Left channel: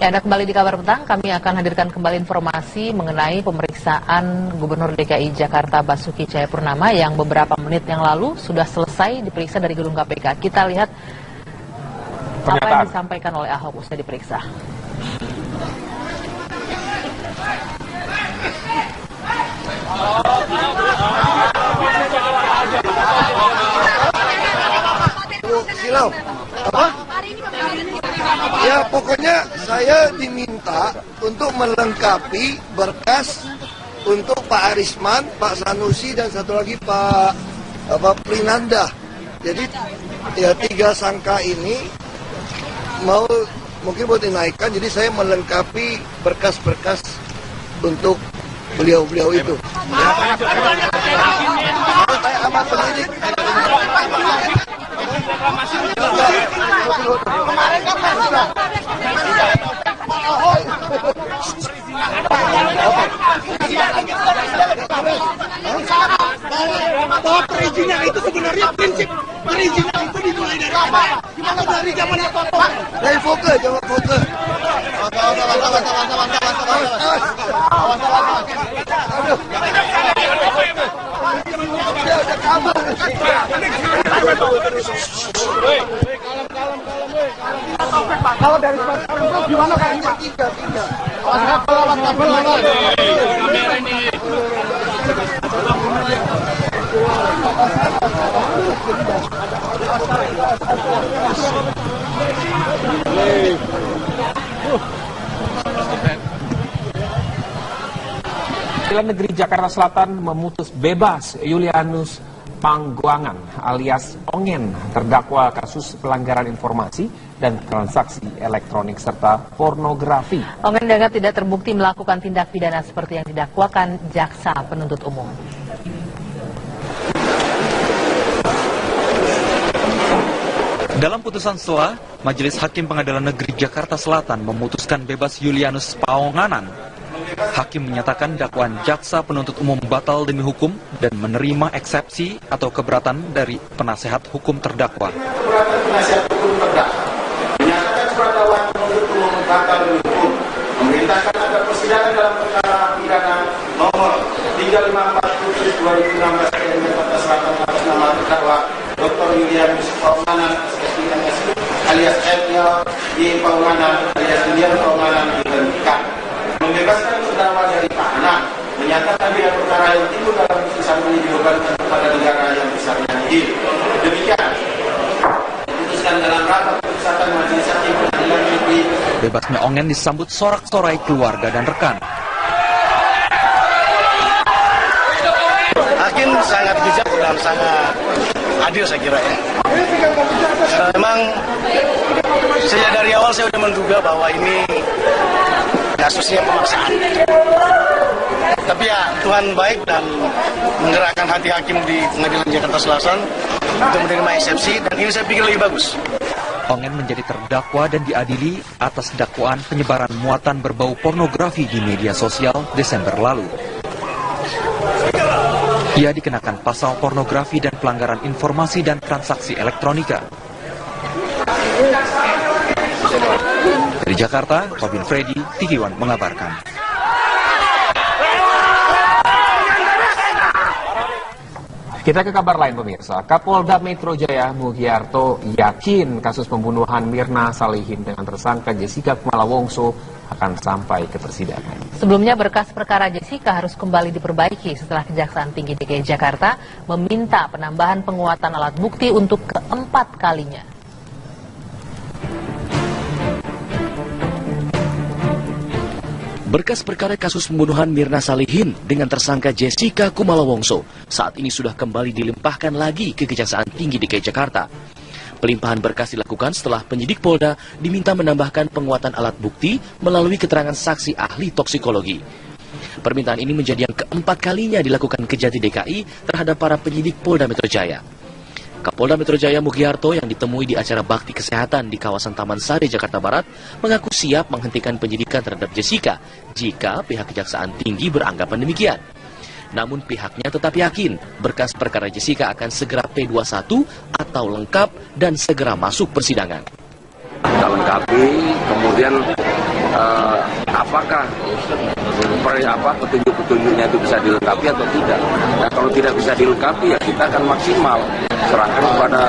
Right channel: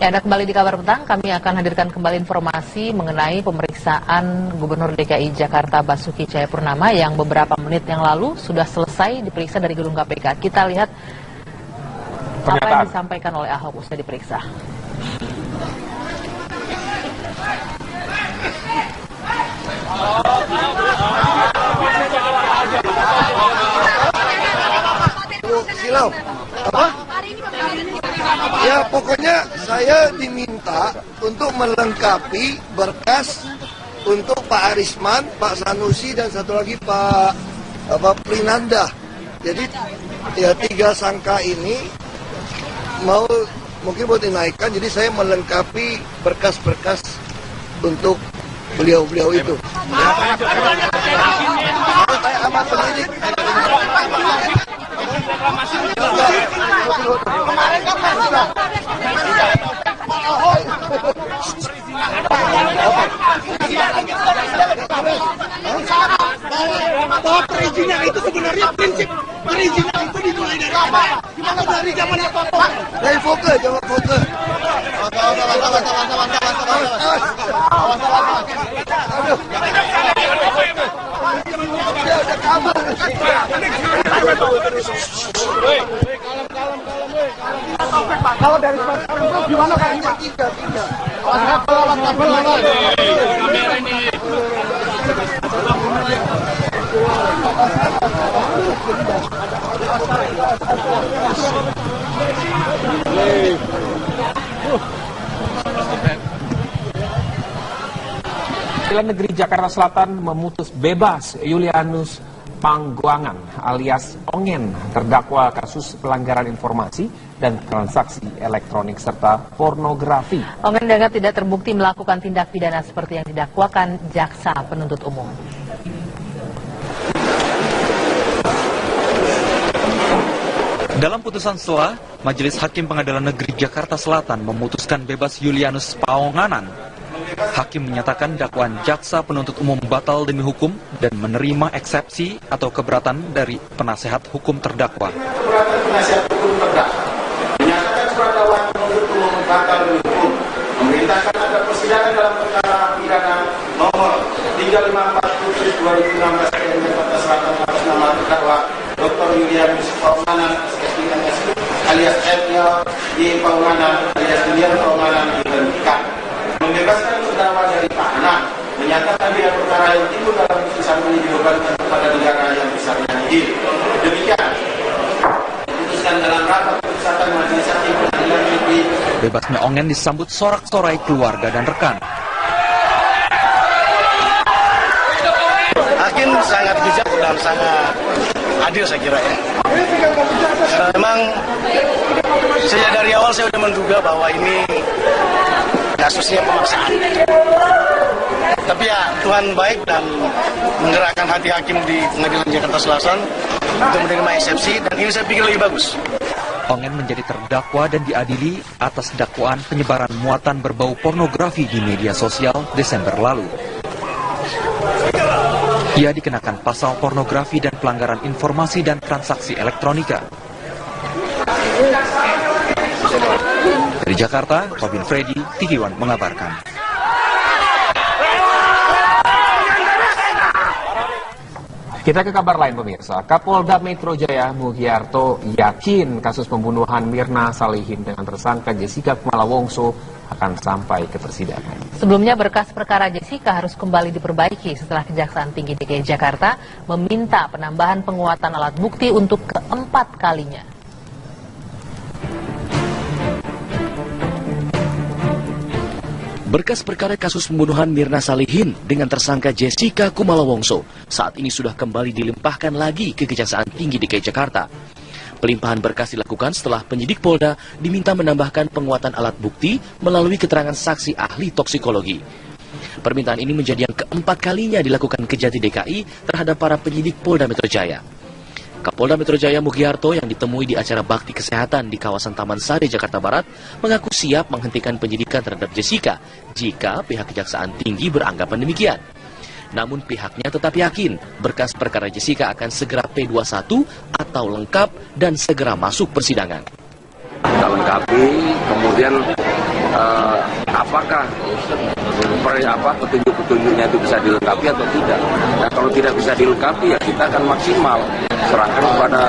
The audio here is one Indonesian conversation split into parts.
Ya, Anda kembali di Kabar Petang. Kami akan hadirkan kembali informasi mengenai pemeriksaan Gubernur DKI Jakarta Basuki Cahayapurnama yang beberapa menit yang lalu sudah selesai diperiksa dari gedung KPK. Kita lihat apa yang disampaikan oleh Ahok usai diperiksa. Silau, apa? Ya pokoknya saya diminta untuk melengkapi berkas untuk Pak Arisman, Pak Sanusi dan satu lagi Pak Prinanda. Jadi ya 3 sangka ini mungkin mau dinaikkan, jadi saya melengkapi berkas-berkas untuk beliau-beliau itu. Saya amat penyidik. Kemarin kan bahwa perizinan itu sebenarnya prinsip perizinan itu dimulai dari apa? Gimana dari zaman apa? Dari Foke, jawab Foke. Kalau dari sekarang gimana Pak? Tiga. Pengadilan Negeri Jakarta Selatan memutus bebas Julianus Panggoangan alias Ongen, terdakwa kasus pelanggaran informasi dan transaksi elektronik serta pornografi. Ongen dianggap tidak terbukti melakukan tindak pidana seperti yang didakwakan jaksa penuntut umum. Dalam putusan setelah, Majelis Hakim Pengadilan Negeri Jakarta Selatan memutuskan bebas Julianus Panggoangan. Hakim menyatakan dakwaan jaksa penuntut umum batal demi hukum dan menerima eksepsi atau keberatan dari penasehat hukum terdakwa. Keberatan penasehat hukum terdakwa menyatakan surat dakwaan penuntut umum batal demi hukum, memerintahkan agar persidangan dalam perkara pidana nomor 354/2016 PN Jakarta Selatan atas nama terdakwa Dr. Julianus Panggoangan alias L. Y. Panggoangan alias Julian Panggoangan diberhentikan. Membebaskan terdakwa dari tahanan, menyatakan bila perkara yang timbul dalam putusan ini dibebankan kepada negara yang besarnya nihil. Demikian diputuskan dalam rapat putusan Majelis Hakim Pengadilan Negeri. Bebasnya Ongen disambut sorak-sorai keluarga dan rekan. Hakim sangat bijak dan sangat adil saya kira ya. Memang sejak dari awal saya sudah menduga bahwa ini kasusnya pemaksaan. Tapi ya Tuhan baik dan menggerakkan hati hakim di Pengadilan Jakarta Selatan untuk menerima eksepsi, dan ini saya pikir lebih bagus. Ongen menjadi terdakwa dan diadili atas dakwaan penyebaran muatan berbau pornografi di media sosial Desember lalu. Ia dikenakan pasal pornografi dan pelanggaran informasi dan transaksi elektronika. Dari Jakarta, Robin Freddy, TV One mengabarkan. Kita ke kabar lain pemirsa. Kapolda Metro Jaya Mugiarto yakin kasus pembunuhan Mirna Salihin dengan tersangka Jessica Kumala Wongso akan sampai ke persidangan. Sebelumnya berkas perkara Jessica harus kembali diperbaiki setelah Kejaksaan Tinggi DKI Jakarta meminta penambahan penguatan alat bukti untuk keempat kalinya. Berkas perkara kasus pembunuhan Mirna Salihin dengan tersangka Jessica Kumala Wongso saat ini sudah kembali dilimpahkan lagi ke Kejaksaan Tinggi DKI Jakarta. Pelimpahan berkas dilakukan setelah penyidik Polda diminta menambahkan penguatan alat bukti melalui keterangan saksi ahli toksikologi. Permintaan ini menjadi yang keempat kalinya dilakukan Kejati DKI terhadap para penyidik Polda Metro Jaya. Kapolda Metro Jaya Mugiarto yang ditemui di acara bakti kesehatan di kawasan Taman Sari, Jakarta Barat, mengaku siap menghentikan penyidikan terhadap Jessica jika pihak Kejaksaan Tinggi beranggapan demikian. Namun pihaknya tetap yakin berkas perkara Jessica akan segera P21 atau lengkap dan segera masuk persidangan. Kita lengkapi, kemudian apakah petunjuk-petunjuknya itu bisa dilengkapi atau tidak. Nah, kalau tidak bisa dilengkapi ya kita akan maksimal serahkan kepada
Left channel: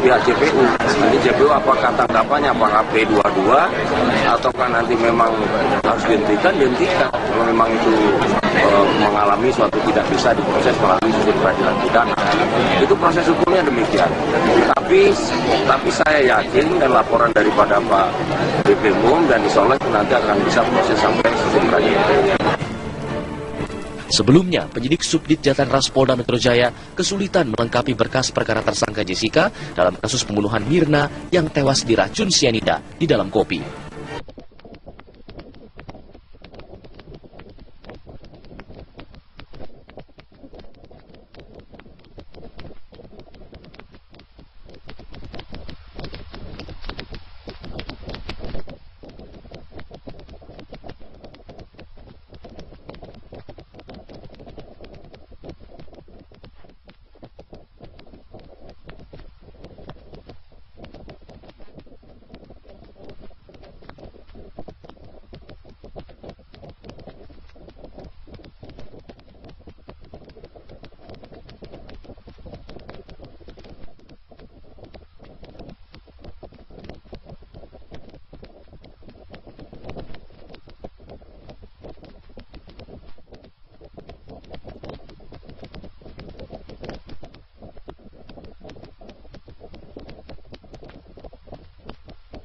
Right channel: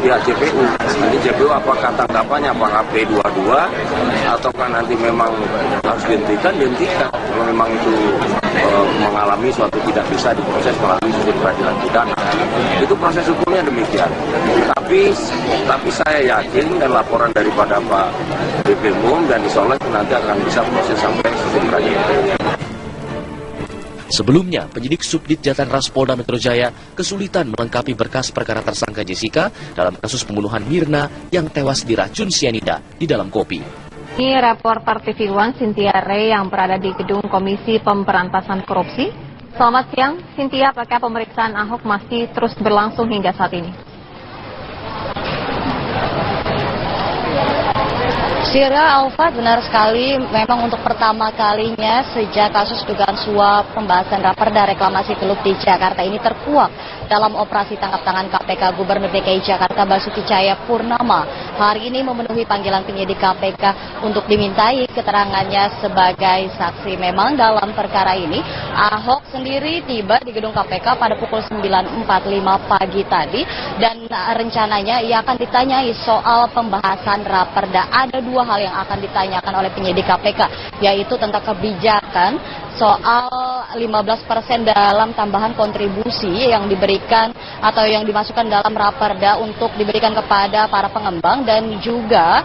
pihak JPU. Nanti JPU apakah tanggapannya apakah P22 ataukah nanti memang harus dihentikan. Kalau memang itu mengalami suatu tidak bisa diproses melalui sistem peradilan pidana, itu proses hukumnya demikian. Tapi saya yakin dan laporan daripada Pak BPUM dan insya Allah nanti akan bisa proses sampai sistem peradilan. Sebelumnya, penyidik Subdit Jatan Ras Polda Metro Jaya kesulitan melengkapi berkas perkara tersangka Jessica dalam kasus pembunuhan Mirna yang tewas diracun sianida di dalam kopi. Ini reporter TV One Cynthia Ray yang berada di gedung Komisi Pemberantasan Korupsi. Selamat siang, Cynthia. Apakah pemeriksaan Ahok masih terus berlangsung hingga saat ini? Sira Alfat, benar sekali, memang untuk pertama kalinya sejak kasus dugaan suap pembahasan raperda reklamasi Teluk di Jakarta ini terkuak dalam operasi tangkap tangan KPK Gubernur DKI Jakarta Basuki Cahayapurnama. Hari ini memenuhi panggilan penyidik KPK untuk dimintai keterangannya sebagai saksi. Memang dalam perkara ini Ahok sendiri tiba di gedung KPK pada pukul 9.45 pagi tadi dan rencananya ia akan ditanyai soal pembahasan raperda. Ada dua hal yang akan ditanyakan oleh penyidik KPK, yaitu tentang kebijakan soal 15% dalam tambahan kontribusi yang diberikan atau yang dimasukkan dalam raperda untuk diberikan kepada para pengembang, dan juga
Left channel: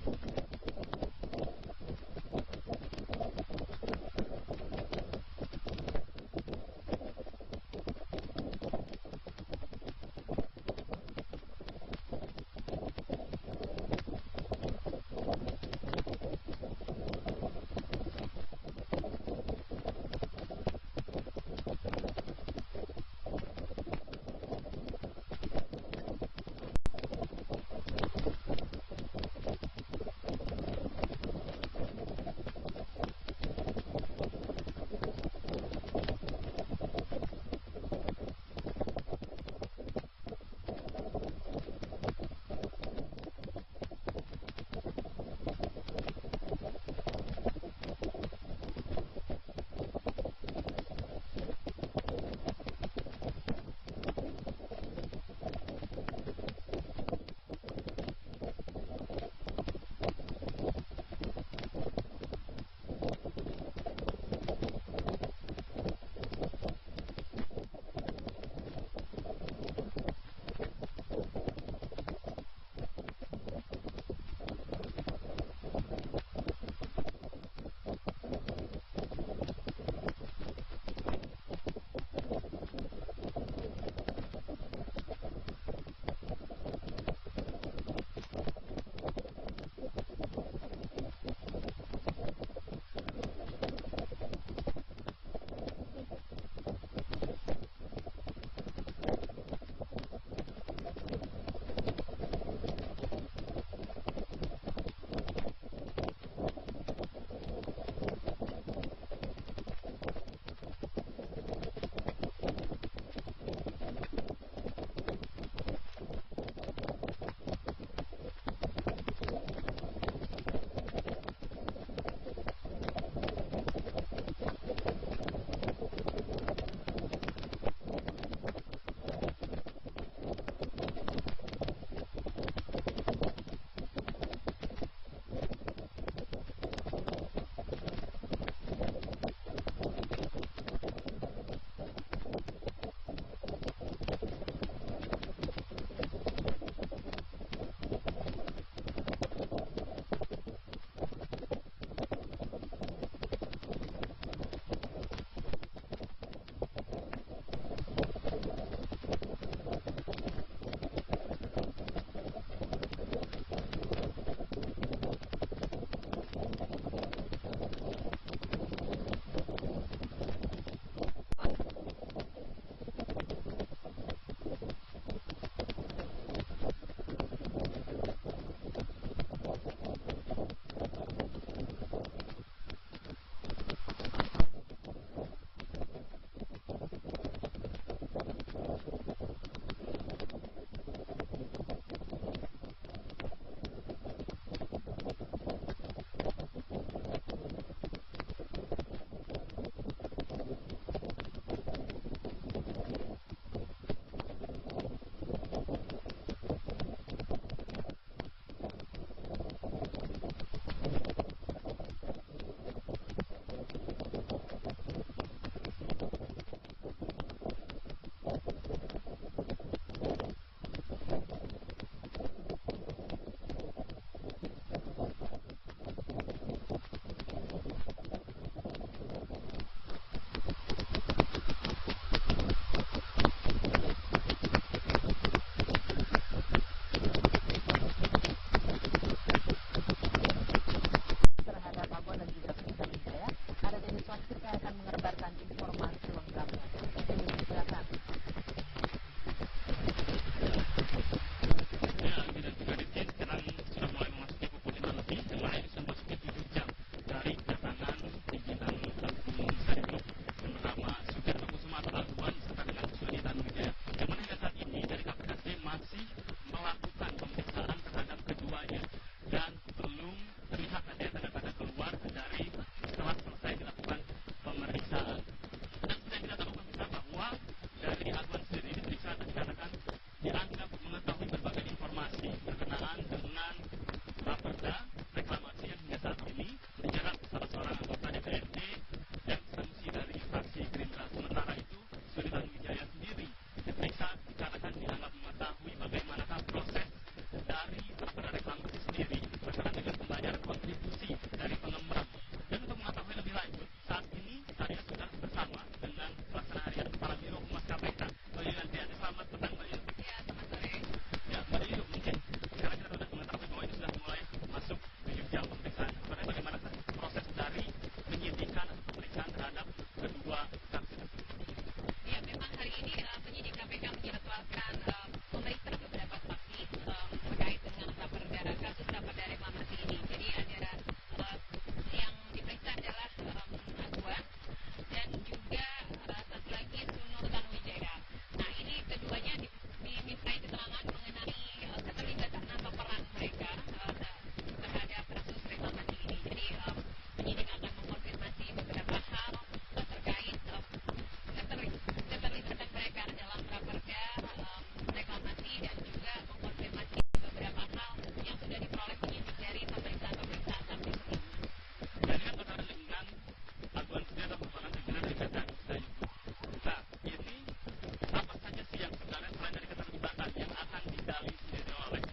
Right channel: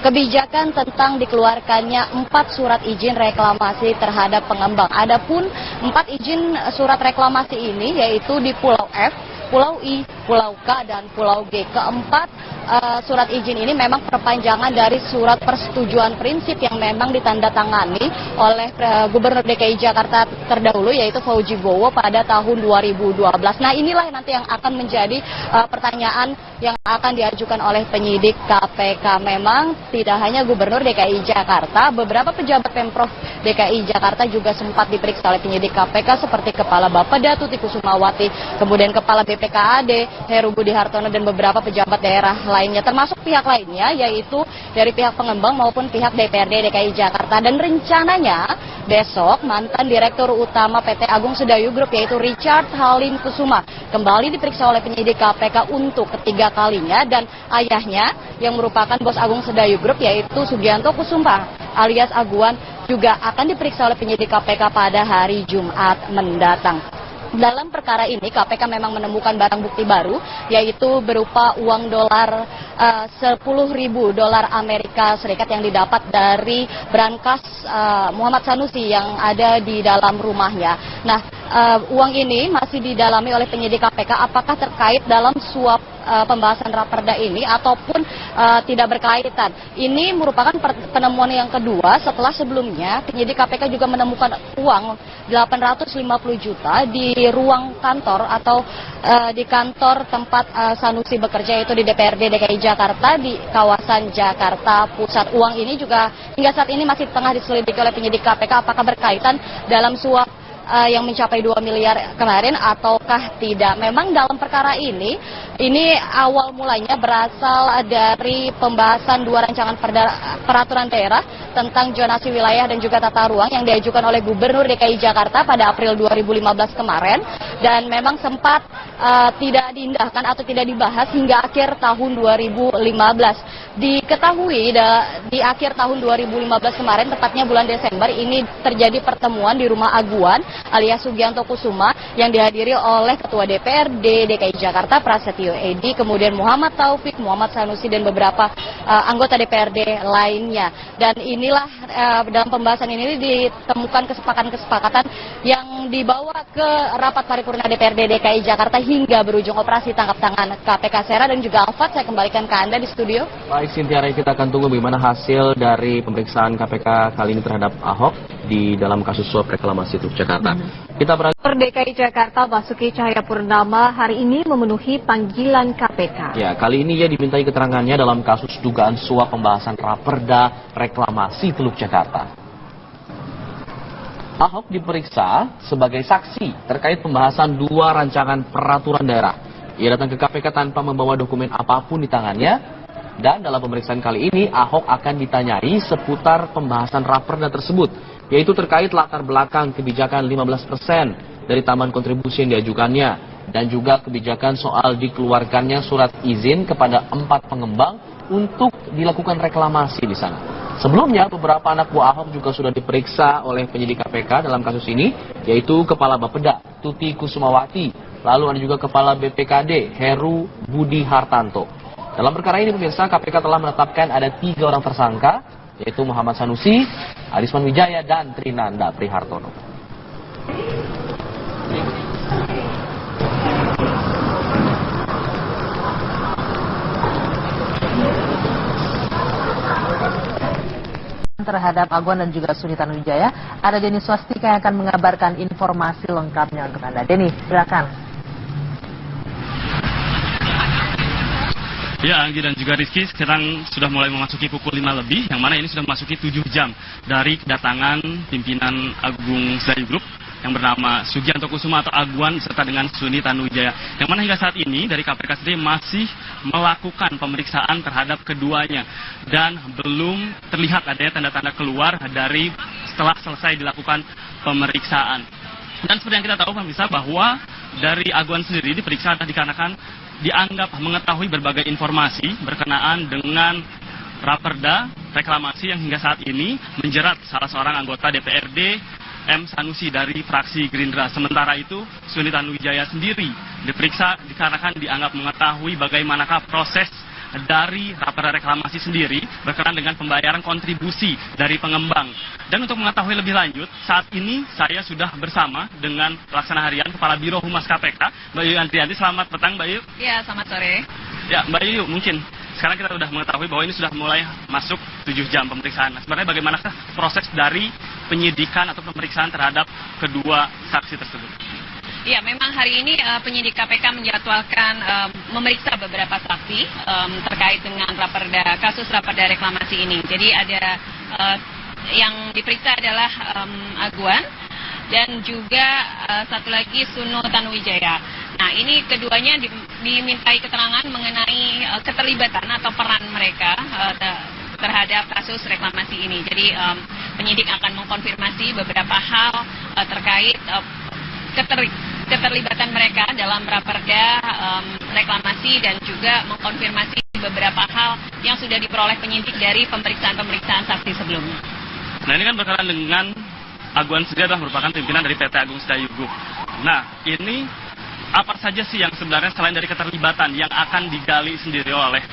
kebijakan tentang dikeluarkannya 4 surat izin reklamasi terhadap pengembang. Adapun 4 izin surat reklamasi ini yaitu di Pulau F, Pulau I, Pulau K, dan Pulau G. Keempat surat izin ini memang perpanjangan dari surat persetujuan prinsip yang memang ditandatangani oleh Gubernur DKI Jakarta terdahulu, yaitu Fauji Bowo pada tahun 2012. Nah, inilah nanti yang akan menjadi pertanyaan yang akan diajukan oleh penyidik KPK. Memang tidak hanya Gubernur DKI Jakarta, beberapa pejabat Pemprov DKI Jakarta juga sempat diperiksa oleh penyidik KPK seperti Kepala Bapeda Tuti Kusumawati, kemudian Kepala BPKAD Heru Budi Hartono, dan beberapa pejabat daerah lainnya, termasuk pihak lainnya yaitu dari pihak pengembang maupun pihak DPRD DKI Jakarta. Dan rencananya besok mantan Direktur Utama PT Agung Sedayu Group yaitu Richard Halim Kusuma kembali diperiksa oleh penyidik KPK untuk ketiga kalinya, dan ayahnya yang merupakan bos Agung Sedayu Group yaitu Sugianto Kusuma alias Aguan juga akan diperiksa oleh penyidik KPK pada hari Jumat mendatang. Dalam perkara ini KPK memang menemukan barang bukti baru, yaitu berupa uang dolar 10.000 dolar Amerika Serikat yang didapat dari brankas Muhammad Sanusi yang ada di dalam rumahnya. Nah, uang ini masih didalami oleh penyidik KPK apakah terkait dalam suap pembahasan raperda ini ataupun tidak berkaitan. Ini merupakan penemuan yang kedua setelah sebelumnya penyidik KPK juga menemukan uang 850 juta di ruang kantor atau di kantor tempat Sanusi bekerja, yaitu di DPRD DKI Jakarta di kawasan Jakarta Pusat. Uang ini juga hingga saat ini masih tengah diselidiki oleh penyidik KPK apakah berkaitan dalam suap yang mencapai 2 miliar kemarin ataukah tidak. Memang dalam perkara ini awal mulanya berasal dari pembahasan 2 rancangan peraturan daerah tentang zonasi wilayah dan juga tata ruang yang diajukan oleh Gubernur DKI Jakarta pada April 2015 kemarin, dan memang sempat tidak diindahkan atau tidak dibahas hingga akhir tahun 2015. Diketahui di akhir tahun 2015 kemarin, tepatnya bulan Desember, ini terjadi pertemuan di rumah Aguan alias Sugianto Kusuma yang dihadiri oleh Ketua DPRD DKI Jakarta Prasetyo Edy, kemudian Muhammad Taufik, Muhammad Sanusi, dan beberapa anggota DPRD lainnya. Dan inilah dalam pembahasan ini ditemukan kesepakatan yang dibawa ke rapat paripurna DPRD DKI Jakarta hingga berujung operasi tangkap tangan KPK. Sera dan juga Alfat, saya kembalikan ke Anda di studio. Baik, Cynthia, kita akan tunggu bagaimana hasil dari pemeriksaan KPK kali ini terhadap Ahok di dalam kasus suap reklamasi Teluk Jakarta. Kita berada DKI Jakarta Basuki Cahayapurnama hari ini memenuhi panggilan KPK. Ya, kali ini ia dimintai keterangannya dalam kasus dugaan suap pembahasan raperda reklamasi Teluk Jakarta. Ahok diperiksa sebagai saksi terkait pembahasan 2 rancangan peraturan daerah. Ia datang ke KPK tanpa membawa dokumen apapun di tangannya. Dan dalam pemeriksaan kali ini, Ahok akan ditanyai seputar pembahasan raperda tersebut, yaitu terkait latar belakang kebijakan 15% dari tambahan kontribusi yang diajukannya, dan juga kebijakan soal dikeluarkannya surat izin kepada 4 pengembang untuk dilakukan reklamasi di sana. Sebelumnya, beberapa anak buah Ahok juga sudah diperiksa oleh penyidik KPK dalam kasus ini, yaitu Kepala Bapeda, Tuti Kusumawati, lalu ada juga Kepala BPKD, Heru Budi Hartanto. Dalam perkara ini, pemirsa, KPK telah menetapkan ada 3 orang tersangka, yaitu Muhammad Sanusi, Arisman Wijaya, dan Trinanda Prihartono. Terhadap Aguan dan juga Suni Tanuwijaya, ada Denny Swastika yang akan mengabarkan informasi lengkapnya untuk Anda. Denny, silakan. Ya, Anggi dan juga Rizky, sekarang sudah mulai memasuki pukul 5 lebih, yang mana ini sudah memasuki 7 jam dari kedatangan pimpinan Agung Sedayu Group yang bernama Sugianto Kusuma atau Aguan serta dengan Suni Tanuwijaya. Yang mana hingga saat ini dari KPK sendiri masih melakukan pemeriksaan terhadap keduanya dan belum terlihat adanya tanda-tanda keluar dari setelah selesai dilakukan pemeriksaan. Dan seperti yang kita tahu pemirsa bahwa dari Aguan sendiri diperiksa dikarenakan dianggap mengetahui berbagai informasi berkenaan dengan raperda reklamasi yang hingga saat ini menjerat salah seorang anggota DPRD M. Sanusi dari fraksi Gerindra. Sementara itu, Suni Tanuwijaya sendiri diperiksa dikarenakan dianggap mengetahui bagaimanakah proses dari raperda reklamasi sendiri berkenaan dengan pembayaran kontribusi dari pengembang. Dan untuk mengetahui lebih lanjut, saat ini saya sudah bersama dengan pelaksana harian Kepala Biro Humas KPK, Mbak Yuyu Andrianti. Selamat petang, Mbak Yuyu. Ya, selamat sore. Ya, Mbak Yuyu, mungkin sekarang kita sudah mengetahui bahwa ini sudah mulai masuk 7 jam pemeriksaan. Nah, sebenarnya bagaimanakah proses dari penyidikan atau pemeriksaan terhadap kedua saksi tersebut? Ya, memang hari ini penyidik KPK menjadwalkan memeriksa beberapa saksi terkait dengan kasus raperda reklamasi ini. Jadi ada yang diperiksa adalah Aguan dan juga satu lagi Suni Tanuwijaya. Nah, ini keduanya dimintai keterangan mengenai keterlibatan atau peran mereka terhadap kasus reklamasi ini. Jadi penyidik akan mengkonfirmasi beberapa hal terkait keterlibatan mereka dalam raperda reklamasi dan juga mengkonfirmasi beberapa hal yang sudah diperoleh penyidik dari pemeriksaan saksi sebelumnya. Nah, ini kan berkaitan dengan Aguan sendiri adalah merupakan pimpinan dari PT Agung Sedayu Group. Nah, ini apa saja sih yang sebenarnya selain dari keterlibatan yang akan digali sendiri oleh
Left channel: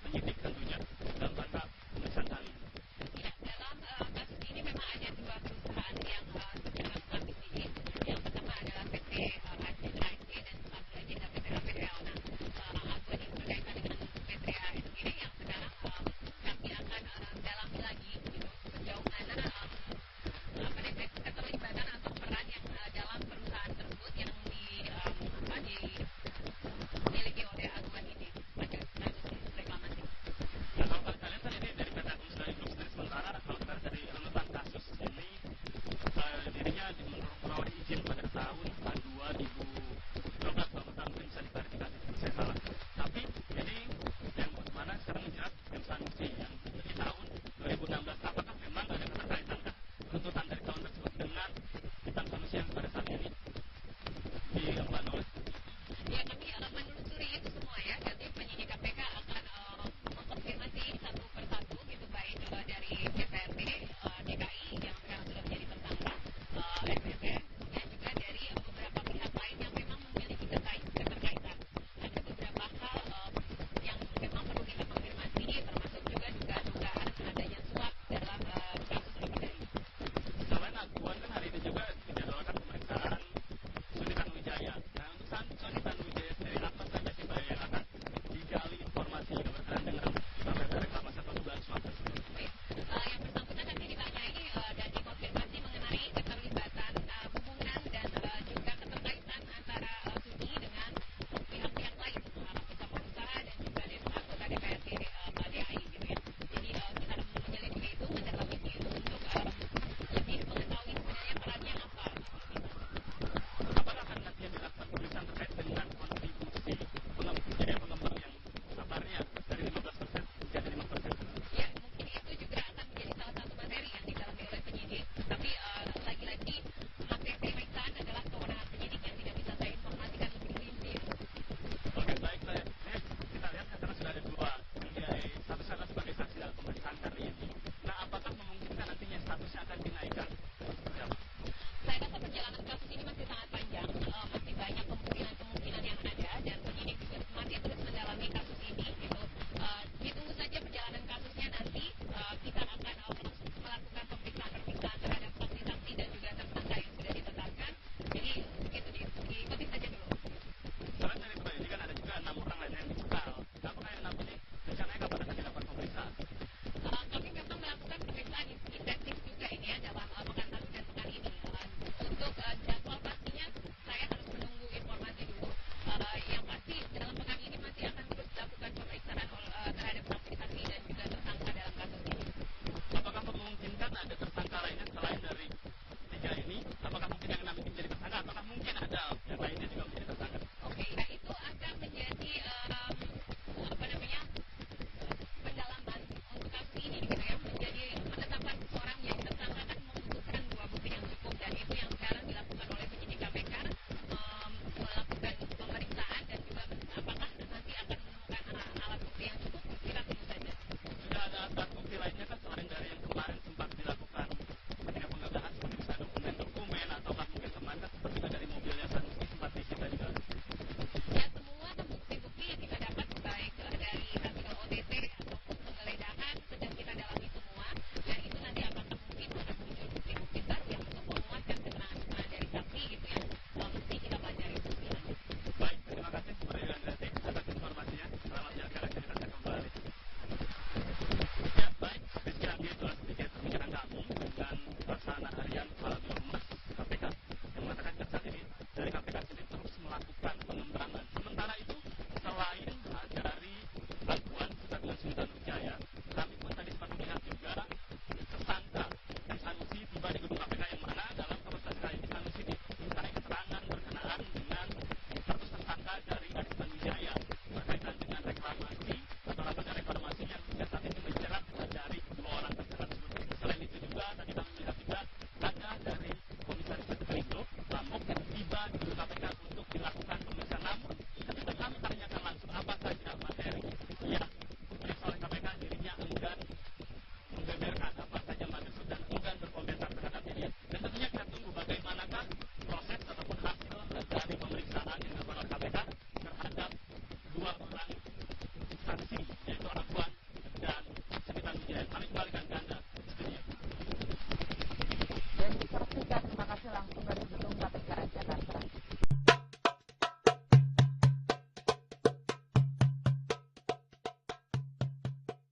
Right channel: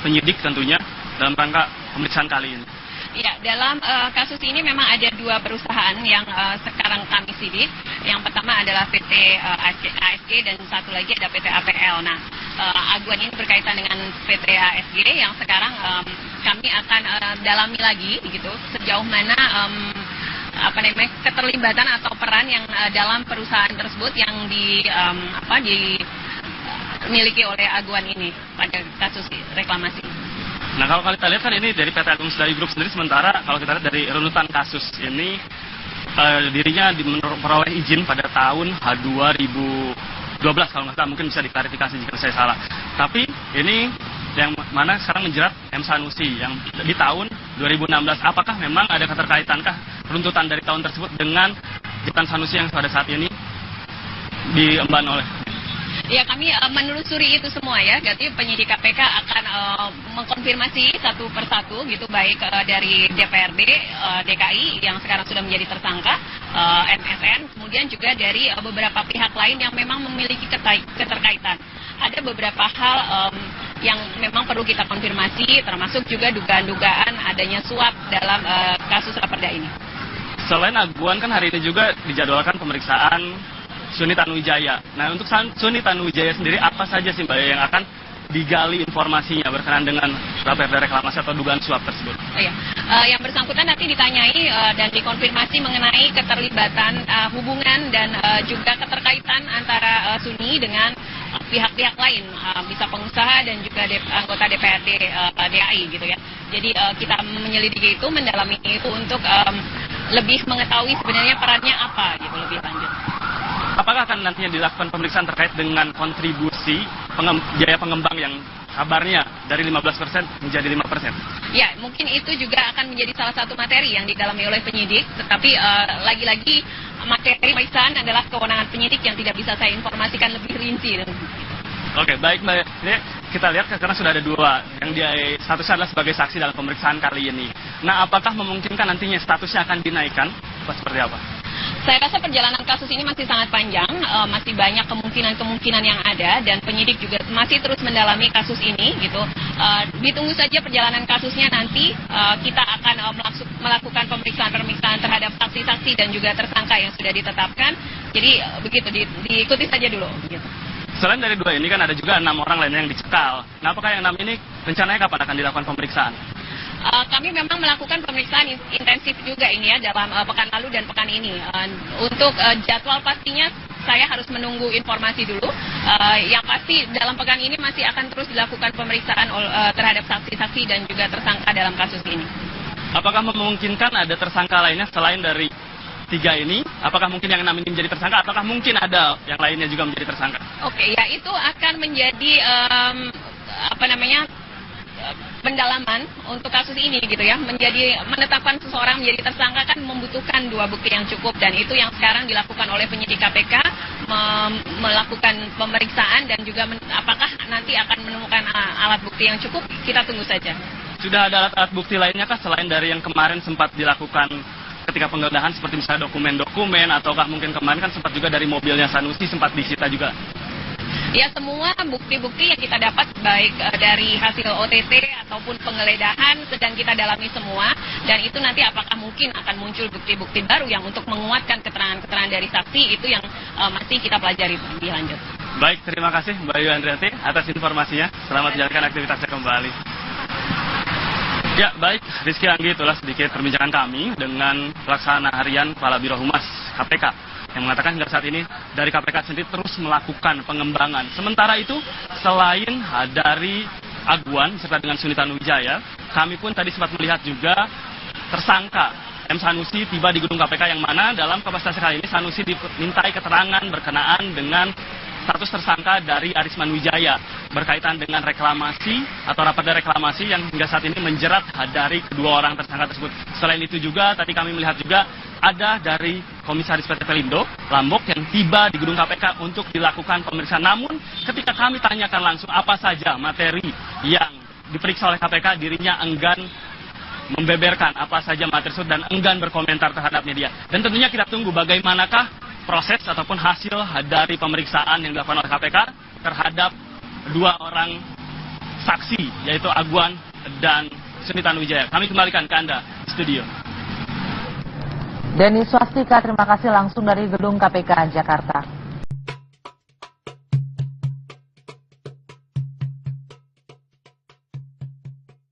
penyidik tentunya dalam rangka pemeriksaan kali ini? Ya, dalam kasus ini memang ada 2 perusahaan yang sekarang kami sidik. Yang pertama adalah PT ASG dan satu lagi ada PT APL. Nah, Aguan ini berkaitan dengan PT ASG yang sekarang kami akan dalami lagi, gitu, sejauh mana keterlibatan atau peran yang dalam perusahaan tersebut yang dimiliki oleh Aguan ini pada kasus reklamasi. Nah, kalau kita lihat kan ini dari PT Agung Sedayu Group sendiri, sementara kalau kita lihat dari runutan kasus ini dirinya memperoleh izin pada tahun 2012 kalau nggak salah, mungkin bisa diklarifikasi jika saya salah. Tapi ini yang mana sekarang menjerat M. Sanusi yang di tahun 2016. Apakah memang ada keterkaitankah runtutan dari tahun tersebut dengan Jitan Sanusi yang pada saat ini diemban oleh? Ya, kami menelusuri itu semua ya. Jadi penyidik KPK akan mengkonfirmasi satu persatu gitu, baik dari DPRD DKI yang sekarang sudah menjadi tersangka, MSN, kemudian juga dari beberapa pihak lain yang memang memiliki keterkaitan. Ada beberapa hal yang memang perlu kita konfirmasi, termasuk juga dugaan-dugaan adanya suap dalam kasus raperda ini. Selain Aguan kan hari ini juga dijadwalkan pemeriksaan Suni Tanuwijaya. Nah, untuk Suni Tanuwijaya sendiri apa saja sih Mbak yang akan digali informasinya berkenaan dengan raperda reklamasi atau dugaan suap tersebut? Yang bersangkutan nanti ditanyai dan dikonfirmasi mengenai keterlibatan hubungan dan juga keterkaitan antara Suni dengan pihak-pihak lain, bisa pengusaha dan juga anggota DPRD DKI gitu ya. Jadi kita menyelidiki itu, mendalami itu untuk lebih mengetahui sebenarnya perannya apa gitu lebih lanjut. Apakah akan nantinya dilakukan pemeriksaan terkait dengan kontribusi biaya pengembang yang kabarnya dari 15% menjadi 5%. Ya, mungkin itu juga akan menjadi salah satu materi yang didalami oleh penyidik, tetapi lagi-lagi materi pemeriksaan adalah kewenangan penyidik yang tidak bisa saya informasikan lebih rinci. Oke, baik Mbak. Ini kita lihat karena sudah ada dua yang dia statusnya adalah sebagai saksi dalam pemeriksaan kali ini. Nah, apakah memungkinkan nantinya statusnya akan dinaikkan? Atau seperti apa? Saya rasa perjalanan kasus ini masih sangat panjang, masih banyak kemungkinan-kemungkinan yang ada, dan penyidik juga masih terus mendalami kasus ini, gitu. Ditunggu saja perjalanan kasusnya nanti, kita akan melakukan pemeriksaan terhadap saksi-saksi dan juga tersangka yang sudah ditetapkan. Jadi begitu, diikuti saja dulu. Gitu. Selain dari dua ini kan ada juga 6 orang lainnya yang dicekal. Nah, apakah yang 6 ini rencananya kapan akan dilakukan pemeriksaan? Kami memang melakukan pemeriksaan intensif juga ini ya dalam pekan lalu dan pekan ini. Untuk jadwal pastinya saya harus menunggu informasi dulu. Yang pasti dalam pekan ini masih akan terus dilakukan pemeriksaan terhadap saksi-saksi dan juga tersangka dalam kasus ini. Apakah memungkinkan ada tersangka lainnya selain dari 3 ini? Apakah mungkin yang 6 ini menjadi tersangka? Apakah mungkin ada yang lainnya juga menjadi tersangka? Oke, ya itu akan menjadi pendalaman untuk kasus ini gitu ya. Menetapkan seseorang menjadi tersangka kan membutuhkan 2 bukti yang cukup, dan itu yang sekarang dilakukan oleh penyidik KPK, melakukan pemeriksaan dan juga apakah nanti akan menemukan alat bukti yang cukup, kita tunggu saja. Sudah ada alat bukti lainnya kah selain dari yang kemarin sempat dilakukan ketika penggeledahan, seperti misalnya dokumen-dokumen, ataukah mungkin kemarin kan sempat juga dari mobilnya Sanusi sempat disita juga? Ya, semua bukti-bukti yang kita dapat baik dari hasil OTT ataupun penggeledahan sedang kita dalami semua, dan itu nanti apakah mungkin akan muncul bukti-bukti baru yang untuk menguatkan keterangan-keterangan dari saksi, itu yang masih kita pelajari lebih lanjut. Baik, terima kasih Mbak Yu Andriati atas informasinya. Selamat menjalankan aktivitasnya kembali. Ya, baik, Rizky Anggi, itulah sedikit perbincangan kami dengan Pelaksana Harian Kepala Biro Humas KPK yang mengatakan hingga saat ini dari KPK sendiri terus melakukan pengembangan. Sementara itu, selain dari Aguan serta dengan Suni Tanuwijaya, kami pun tadi sempat melihat juga tersangka M. Sanusi tiba di gedung KPK, yang mana dalam kapasitas kali ini Sanusi dimintai keterangan berkenaan dengan status tersangka dari Arisman Wijaya berkaitan dengan reklamasi atau raperda reklamasi yang hingga saat ini menjerat dari kedua orang tersangka tersebut. Selain itu juga tadi kami melihat juga ada dari Komisaris PT Pelindo Lambok yang tiba di gedung KPK untuk dilakukan pemeriksaan. Namun ketika kami tanyakan langsung apa saja materi yang diperiksa oleh KPK, dirinya enggan membeberkan apa saja materi tersebut dan enggan berkomentar terhadap media. Dan tentunya kita tunggu bagaimanakah proses ataupun hasil dari pemeriksaan yang dilakukan oleh KPK terhadap 2 orang saksi, yaitu Aguan dan Suni Tanuwijaya. Kami kembalikan ke Anda di studio. Denny Swastika, terima kasih langsung dari gedung KPK Jakarta.